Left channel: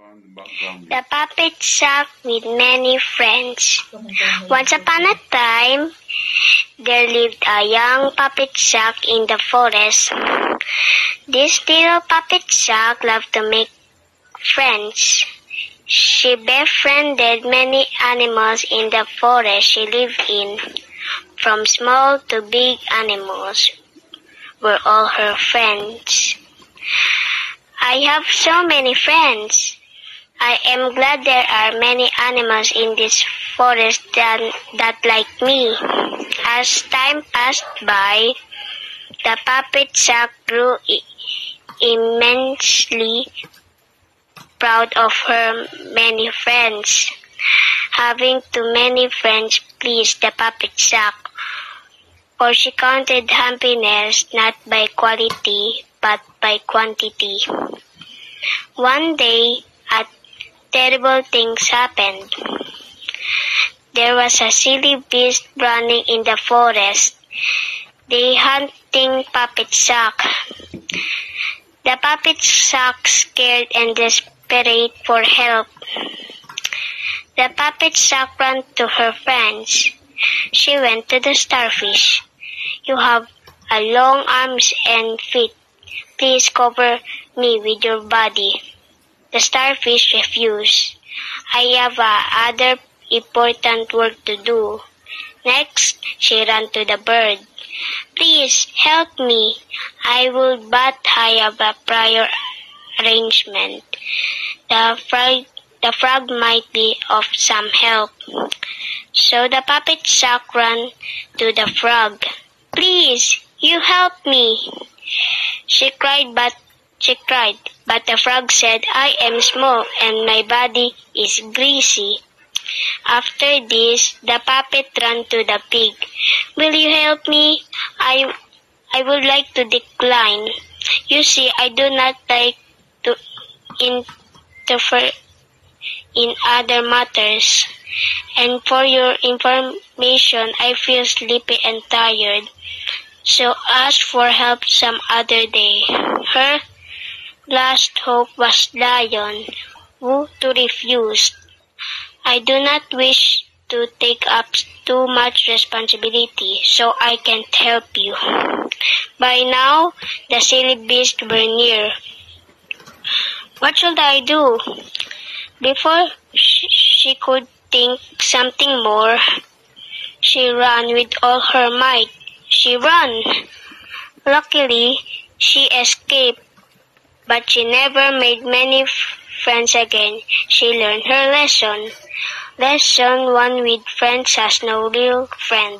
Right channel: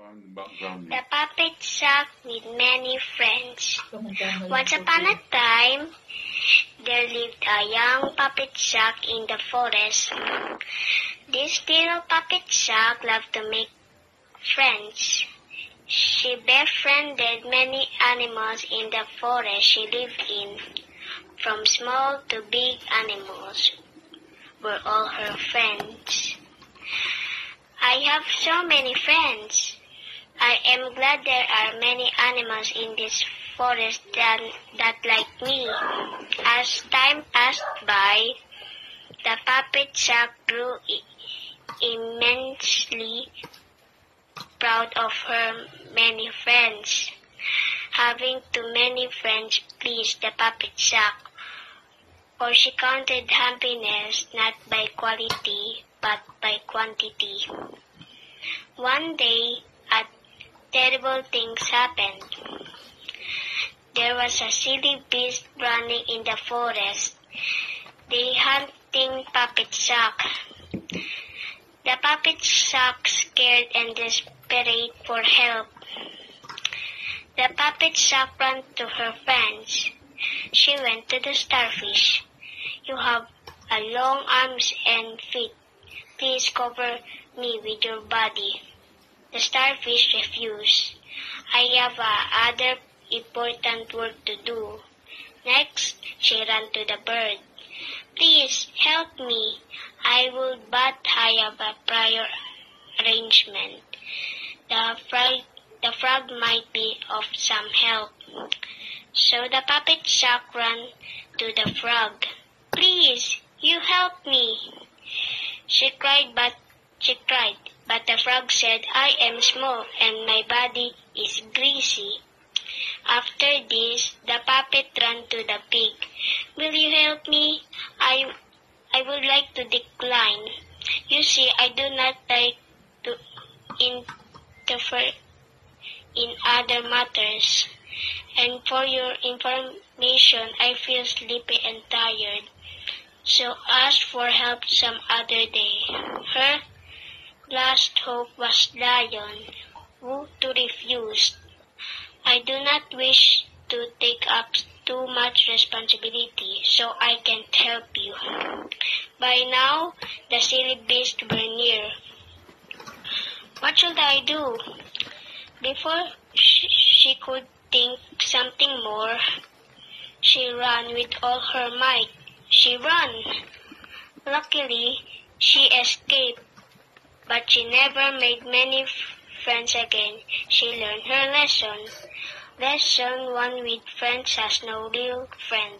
The Puppet Sack with Many Friends. Once upon a time, there lived a young puppet sack in the forest. This little puppet sack loved to make friends. She befriended many animals in the forest she lived in. From small to big animals were all her friends. I have so many friends. I am glad there are many animals in this forest that like me. As time passed by, the puppet sack grew immensely proud of her many friends. Having too many friends pleased the puppet sack, for she counted happiness not by quality but by quantity. One day, terrible things happened. There was a silly beast running in the forest. They hunting puppet sack. The puppet sack scared and desperate for help. The puppet sack ran to her friends. She went to the starfish. You have long arms and feet. Please cover me with your body. The starfish refused. I have other important work to do. Next, she ran to the bird. Please help me. I will, but I have a prior arrangement. The frog might be of some help. So the puppet sack ran to the frog. Please, you help me. She cried, but the frog said, I am small and my body is greasy. After this, the puppet ran to the pig. Will you help me? I would like to decline. You see, I do not like to interfere in other matters. And for your information, I feel sleepy and tired. So ask for help some other day. Her last hope was Lion, who refused. I do not wish to take up too much responsibility, so I can't help you. By now, the silly beasts were near. What should I do? Before she could think something more, she ran with all her might. She ran. Luckily, she escaped, but she never made many friends again. She learned her lesson. Lesson 1: with friends has no real friend.